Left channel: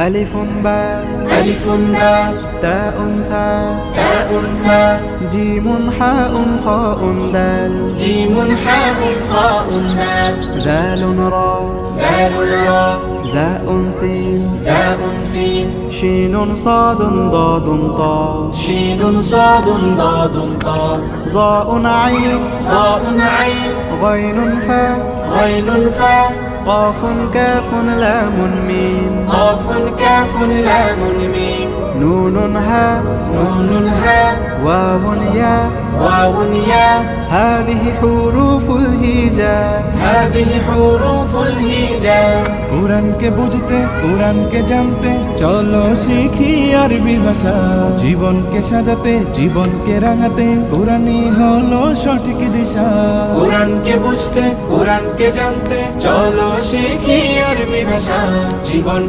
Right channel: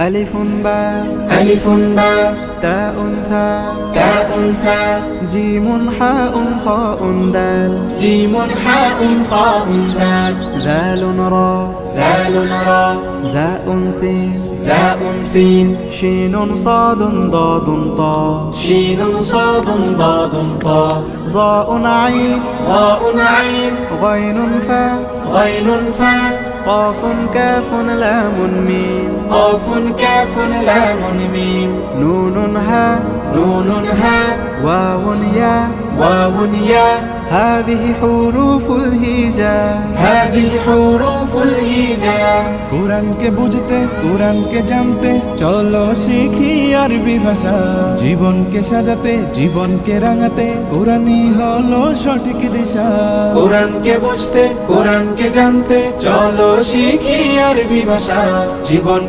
ألف باء ألف باء تاء ثاء تاء ثاء جيم حاء خاء دال جيم حاء خاء دال ذال راء ذال راء زاء سين زاء سين شين صاد ضاد طاء شين صاد ضاد طاء ضاء عين ضاء عين غين فاء غين فاء قاف كاف لام ميم قاف كاف لام ميم نون هاء نون هاء واو ياء واو ياء هذه حروف الهجاء هذه حروف الهجاء কোরআনকে বুঝতে কোরআনকে জানতে চলো শিখি আরবি ভাষা জীবনকে সাজাতে জীবনকে রাঙাতে কোরআনই হলো সঠিক দিশা কোরআনকে বুঝতে কোরআনকে জানতে চলো শিখি আরবি ভাষা জীবন